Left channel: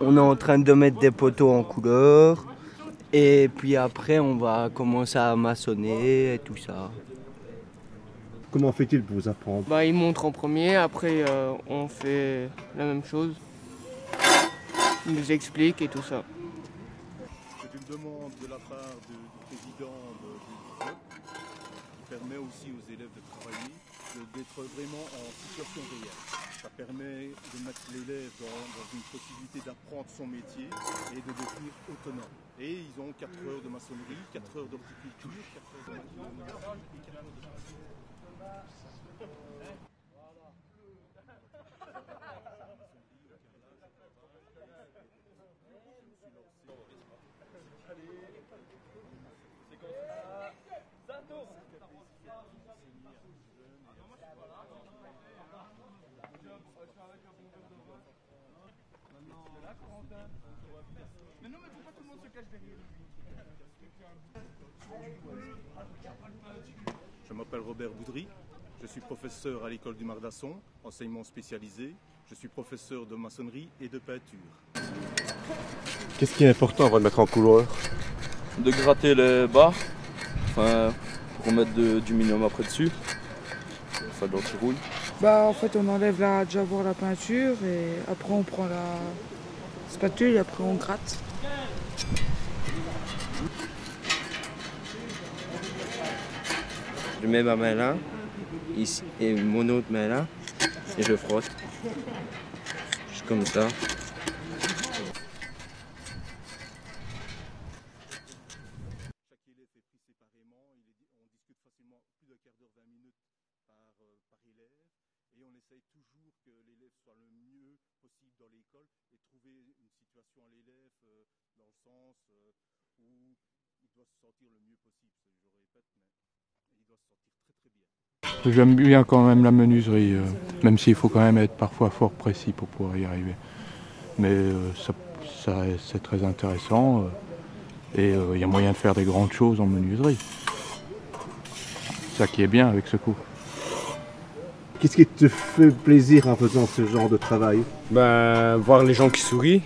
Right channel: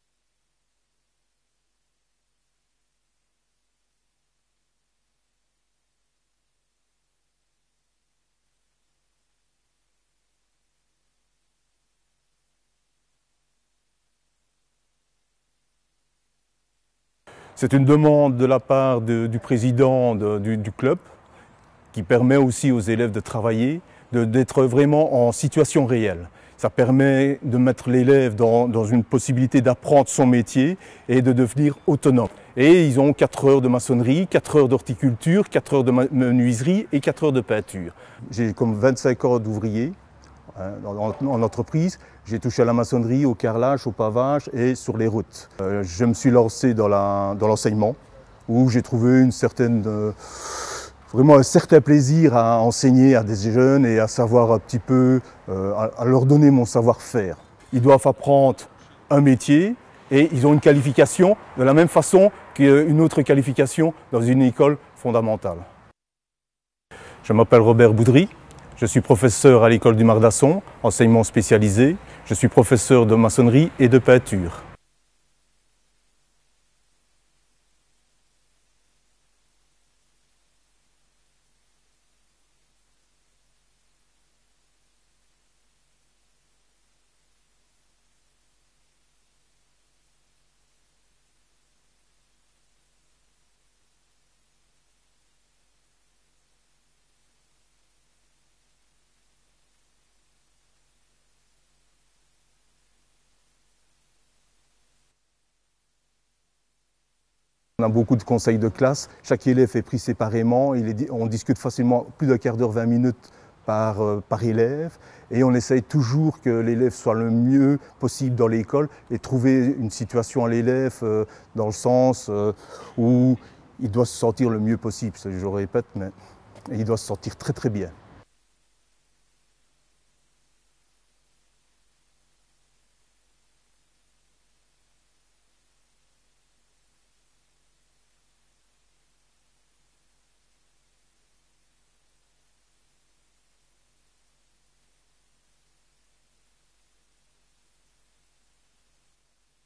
On est en train de mettre des poteaux en couleur. Et puis après, on va commencer à maçonner et tout ça. Comment fait-il pour vous apprendre? Bah, il montre en premier, après on fait la même chose. Il nous explique et tout ça. C'est une demande de la part du président du club qui permet aussi aux élèves de travailler, d'être vraiment en situation réelle. Ça permet de mettre l'élève dans une possibilité d'apprendre son métier et de devenir autonome. Et ils ont 4 heures de maçonnerie, 4 heures d'horticulture, 4 heures de menuiserie et 4 heures de peinture. J'ai comme 25 heures d'ouvriers en entreprise. J'ai touché à la maçonnerie, au carrelage, au pavage et sur les routes. Je me suis lancé dans l'enseignement où j'ai trouvé vraiment un certain plaisir à enseigner à des jeunes et à savoir un petit peu, à leur donner mon savoir-faire. Ils doivent apprendre un métier et ils ont une qualification de la même façon qu'une autre qualification dans une école fondamentale. Je m'appelle Robert Boudry, je suis professeur à l'école du Mardasson, enseignement spécialisé. Je suis professeur de maçonnerie et de peinture. Qu'est-ce qui est important avant de mettre en couleur? De gratter les bas, pour mettre du minimum après dessus, de l'anti-rouille. Bah en fait on enlève d'abord la peinture et après on prend la spatule et après on gratte. Je mets ma main là, ici, et mon autre main là, et je frotte. Juste comme ça. On a beaucoup de conseils de classe. Chaque élève est pris séparément. On discute facilement plus d'un quart d'heure, 20 minutes par élève. Et on essaye toujours que l'élève soit le mieux possible dans l'école et trouver une situation à l'élève dans le sens où il doit se sentir le mieux possible. Je répète, mais il doit se sentir très très bien. J'aime bien quand même la menuiserie, même s'il faut quand même être parfois fort précis pour pouvoir y arriver. Mais c'est très intéressant. Et il y a moyen de faire des grandes choses en menuiserie. C'est ça qui est bien avec ce cours. Qu'est-ce qui te fait plaisir en faisant ce genre de travail? Voir les gens qui sourient,